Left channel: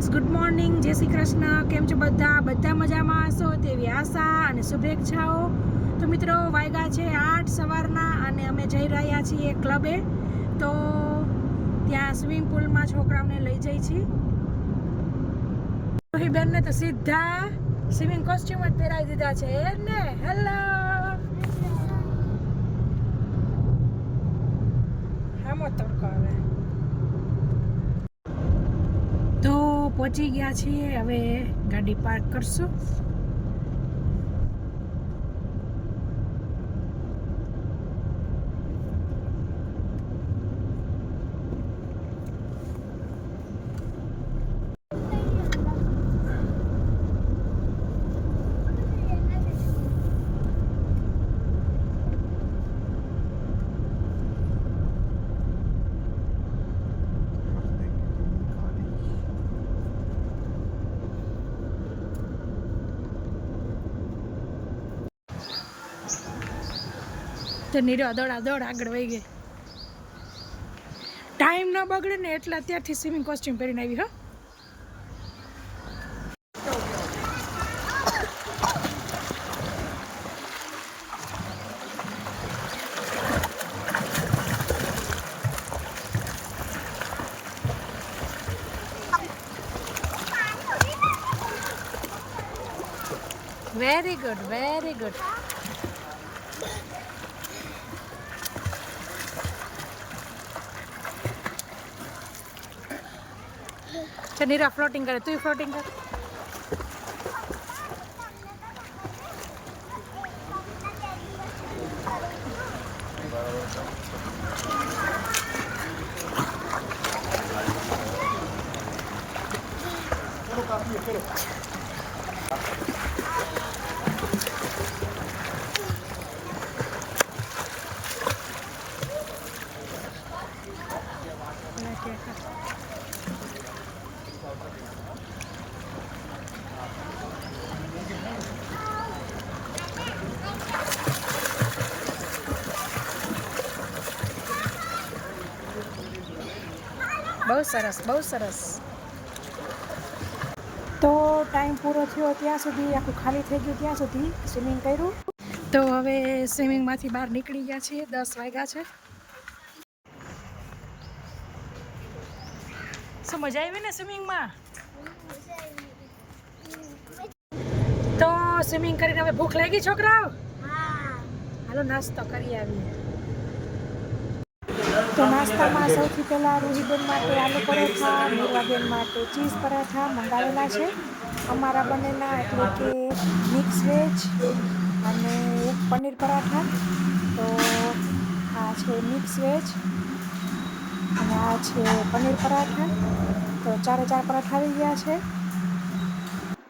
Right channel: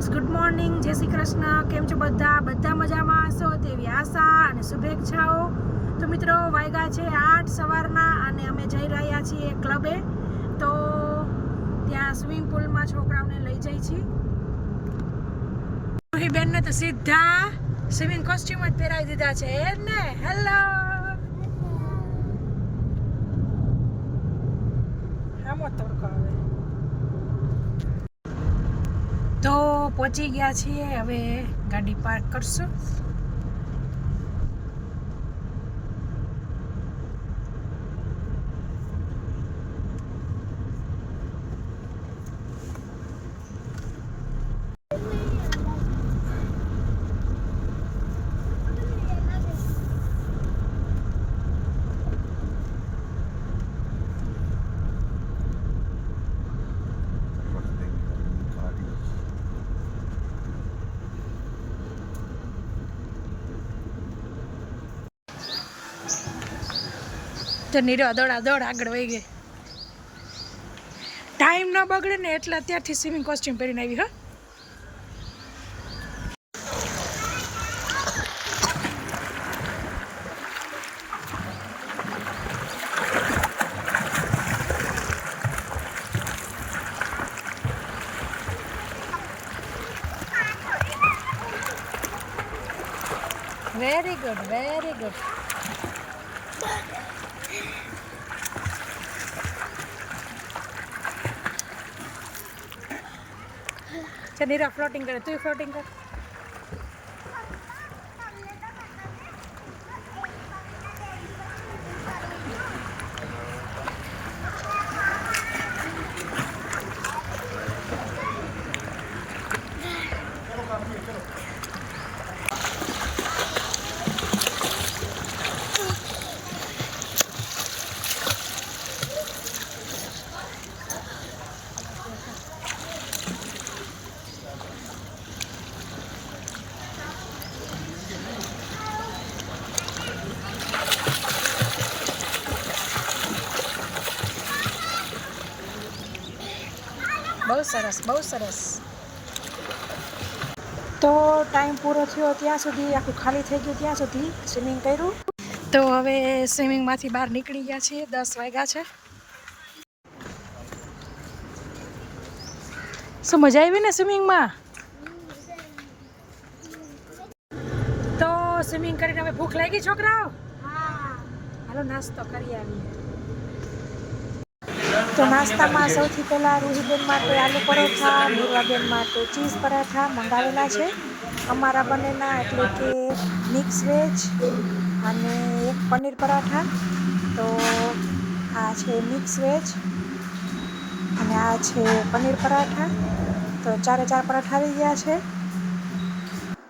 Friends, good morning, જય શ્રી કૃષ્ણ. કેમ છો બધા મજામાં હશો તેવી આશા અને શુભેચ્છાઓ. તો મિત્રો, વાગ્યા છે 8 સવારના અને અમે જઈ રહ્યા છીએ ક્લબે. તો ત્યાં સ્વિમિંગ પુલમાં છોકરાઓને લઈ જઈ છીએ. બેનને તો સીધા સ્વિમિંગ કોસ્ટ્યુમ જ પહેરાવી દીધા છે ને. હેલો, હામો તડકો આવે. તો પહોંચી ગયા છીએ, હવે ગાડી પાર્ક કરશું. તો નીરો દોડ આગળ વહી ગઈ. ટાઈમ ન બગડે ને એટલે અત્યારથી સ્વિમિંગ કોસ્ટ્યુમ પહેરીને આવી. હા, વેરી ગુડ, વેરી ગુડ. નીરા ફ્લોટિંગ કરે, તું ફ્લોટિંગ કર. બહુ સરસ, બહુ સરસ. તો ટાઈમ પૂરો થયો ત્યાં સુધી, આખું ખાલી થઈ ગયું ત્યાં સુધી સ્વિમિંગ કર્યું. તો હવે સ્વિમિંગમાંથી બહાર નીકળી ગયા છીએ. 10 વાગ્યા છે. શું મજા આવી ને સ્વિમિંગમાં? તો સ્વિમિંગ કરીને હવે ભૂખ લાગી છોકરાઓ? હાલો નાસ્તો કરી આવી. તો નાસ્તામાં સૌથી પહેલાં રૂહીબેન માટે આલુ પરોઠા, નીરવાબેન માટે ચીઝ પરાઠા મંગાવેલા છે અમારા બંનેના, એટલે કે મિક્સ વેજ અને એક પનીર પરાઠા. તો આ છે મિક્સ વેજ અને આ છે પનીર પરાઠા. તો 4 પરાઠા આવી ગયા છે.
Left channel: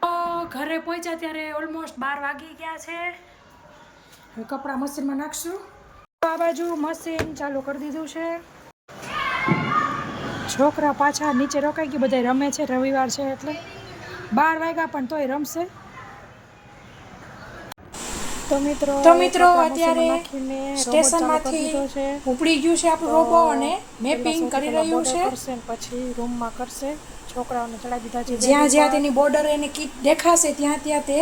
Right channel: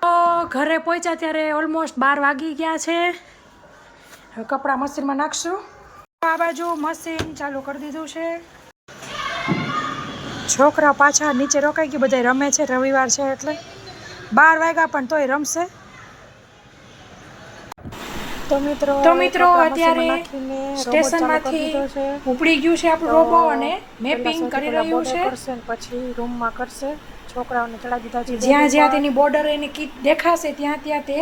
તો ઘરે પહોંચ્યા ત્યારે ઓલમોસ્ટ 12 વાગી ગયા છે. હવે કપડાં મશીનમાં નાખશું. આ બાજુ મશીન ચાલુ કરી દીધું છે. છોકરા પાછા નીચે રોકાઈ ગયું, બધા રમે છે, રવિવાર છે એટલે. 12 વાગ્યા પણ તોય રમશે. તો મિત્રો અત્યારે સ્ટેશનમાંથી ઉપડી ગયું છે આપણું રોબો અને મેપિંગ કરી રહ્યું છે. પછી રૂમમાં કરશે. છોકરાઓને ચડાવી દીધા છે. જ્યાં જ્યાં તેની બોર્ડર એની કીટ દેખાશે ત્યાં ત્યાં તે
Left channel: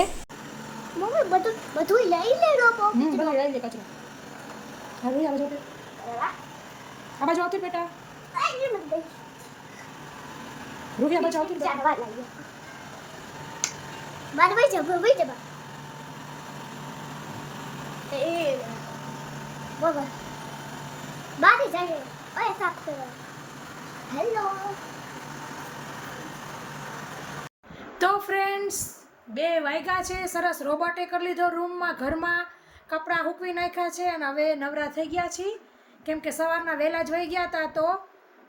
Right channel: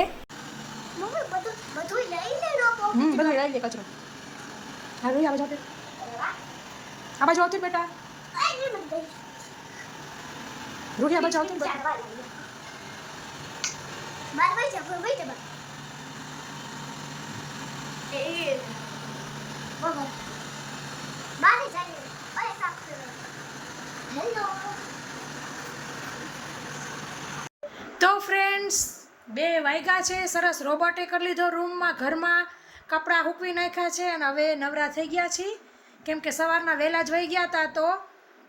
બધું લઈ લે કચરો. હા રોઈ, આ બાજુ આવતી બેટા. રૂહી આ બાજુ આવતી બેટા. તો ફ્રેન્ડ્સ, 2 વાગ્યા છે. સરસ રોબોટે કરી લીધો રૂમમાં, ઘરમાં કપડાં સૂકવી નાખ્યા છે અને હવે નવરા થઈ ગયા છીએ. કેમ કે સવારના વહેલા જ વહી ગયા હતા તો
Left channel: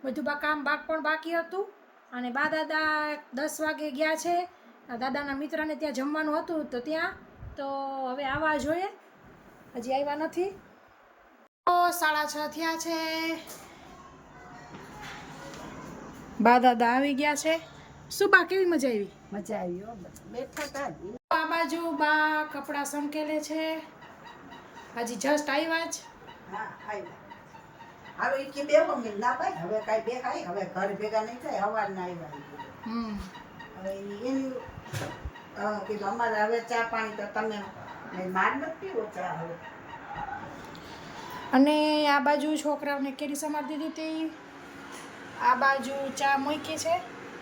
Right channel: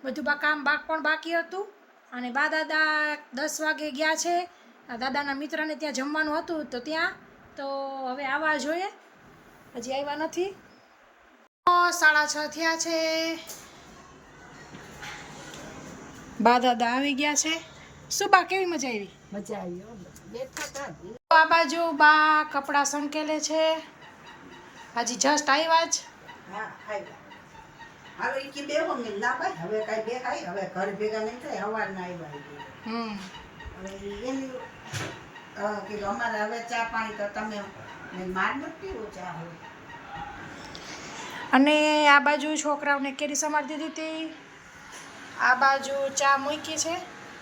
બધું કામ પણ બાકી હતું. અને બા દાદા 10 વાગે ગયા છે. દાદાના મિત્રને ત્યાં જમવાનું હતું તો ત્યાં. તો હવે આવવા જોઈએ, હજી આવ્યા નથી. તો 6:30 થયા છે. બા દાદા આવી ગયા છે. શું બા, કેવી મજા આવી? મજા આવી. આ બાજુ બા કપડાં સંકેલે છે. હજી જસ્ટ આવ્યા જ. હવે ઈ કે બેહો મિલ ના ભાઈ, હવે કાઈ બે કાઈ હવે ઘર ભેગા નહીં થાય, હવાર ના આવ્યા. હવે એની કીધું અમારે હવે ચા પાણી તો તમે માર નથી પીવો ચા હવે. અને આ બાજુ છોકરાઓને કેરી સમારી દીધી હતી, આ બાજુ ચા મૂકી છે.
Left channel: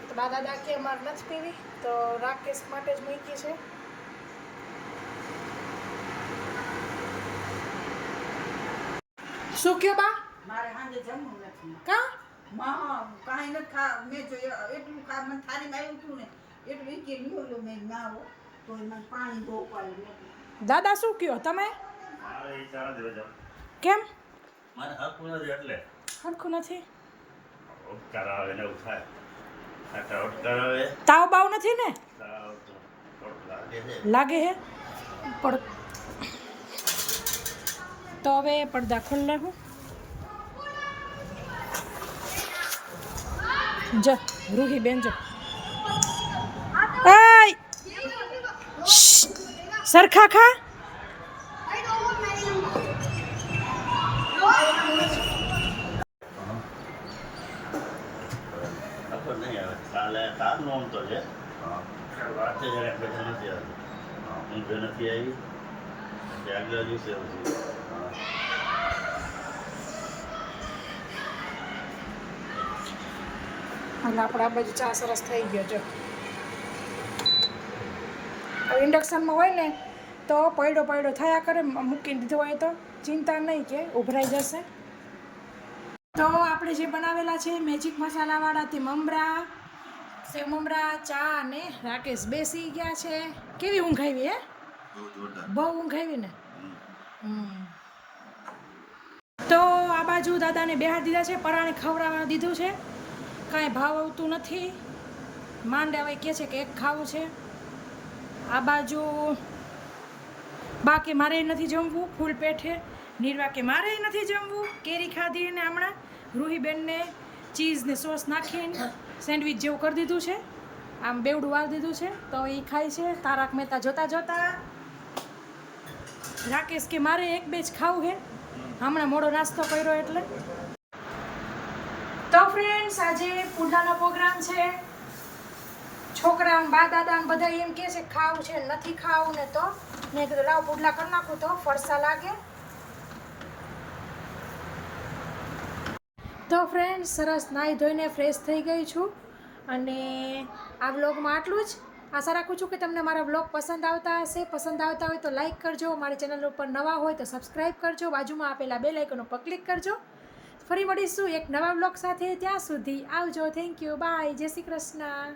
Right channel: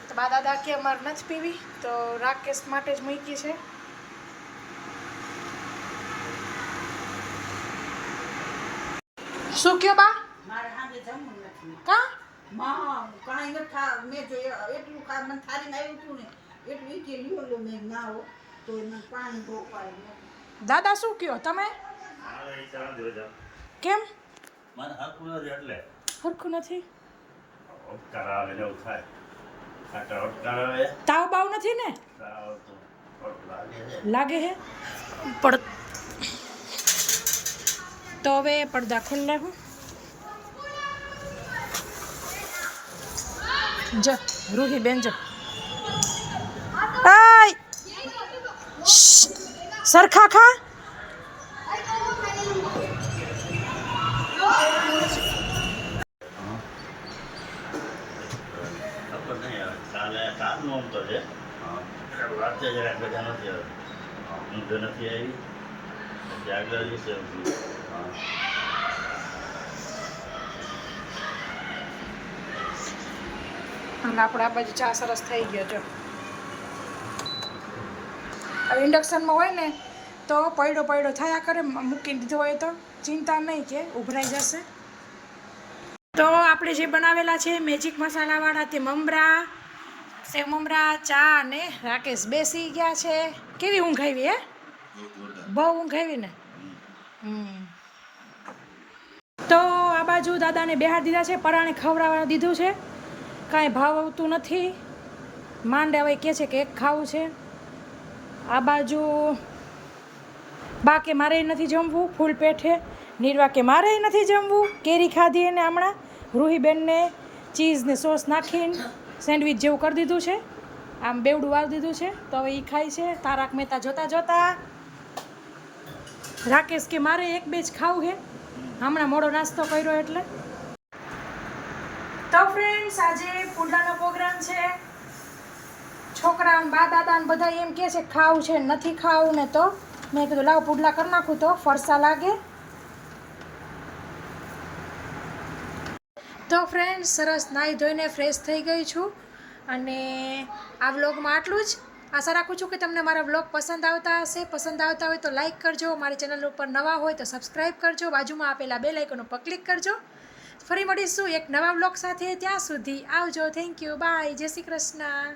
તો બા દાદા કે અમારે નથી પીવી, તો રાકેશ માટે જ મૂકી છે. શું કયો બા? મારે સાંજે જમવું નથી કા કાંઈ નથી મેં જો એટલું મને થાળીમાં આવ્યું હતું ને એટલું ઈ કે લ્યો મેં ના હો તો મને પાણી બહુ પાડી. દાદા શું કયો તમે? કેમ મને હરખું નથી એટલે હરખું નથી? ઉપકાર આવે ને એવું થાય. ખાટા ઉપકાર આવે તાવ બાવ નથી ને? તાવ તો થોડું લાગે છે. લાગે હે પડ તો હવે પડદા ખોલ નાખું. જો રૂહી બેન જો આય સરખા ખા. નકર નહીં આવે. કાલનું આમ તો છે. વાંચે જરાક બધા નથી આવે. ઊંઘ નથી આવી. પછી આગલા દિવસે આવશે. અને આપણે આ બાજુ ચા સરસ થઈ ગયો જો. હવે ઇન્ડક્શનમાં હોય ને તો પડ્યો થયા કરે, મૂકી દીધો હોય તો ચિંતા નહીં કે ઉભરાઈ જશે. તો આપણે જે બનાવેલા છે મેજિક મસાલાવાળા તે મમરા, સેવ મમરા, ચા અને રાકેશ બેસી ગયા છે. કેવી ઊંઘ આવી હે? બહુ ઊંઘ આવી ને. તો આ બાજુ દાદાને બેહાર દીધા છે, પરાણે ખવડાવવા દીધું છે. કાંઈ ભાવ આવતું નથી. માંડે હવે કહે છે કે એક ખાવું છે. આ બાજુ બા કે મારે નથી જમવું ફૂલ પેટે, નીરવા કે મારે નથી જમવું. કેરી ખાધી અને હમણાં રૂહીબેનને ચીઝ ને સોસ નાખીને સેન્ડવિચ જેવું કરી દીધું છે, આમ બેવડું વાળી દીધું છે. તો એ ખાય છે. તારક મહેતા જોતા રાકેશ કે મારે એક બે જ ખાવું છે, હમણાં મોડો નાસ્તો કર્યો એટલે. તો ફ્રેન્ડ્સ આજે પુડલાનો પ્રોગ્રામ છે. છોકરાઓ બા દાદા બધા એમ કહે છે ખાવું છે, નથી ખાવું ને, તો મેં કીધું લાવ પુડલા કરી નાખું તો ફરસા લાગે. તો ફ્રેન્ડ્સ સરસ નાહી ધોઈને ફ્રેશ થઈ ગઈ છું અને આ વ્લોગમાં આટલું જ. આશા રાખું છું કે તમને મારા વ્લોગ પસંદ આવતા હશે. પસંદ આવતા હોય તો લાઈક કરજો, મારી ચેનલ ઉપર નવા હોય તો સબસ્ક્રાઈબ કરજો, બાજુમાં આપેલા બેલ આઇકન ઉપર ક્લિક કરજો. ફરી મળીશું એક નવા વ્લોગ સાથે. ત્યાં સુધી આવજો. થેન્ક યુ, બાય, જય શ્રી કૃષ્ણ.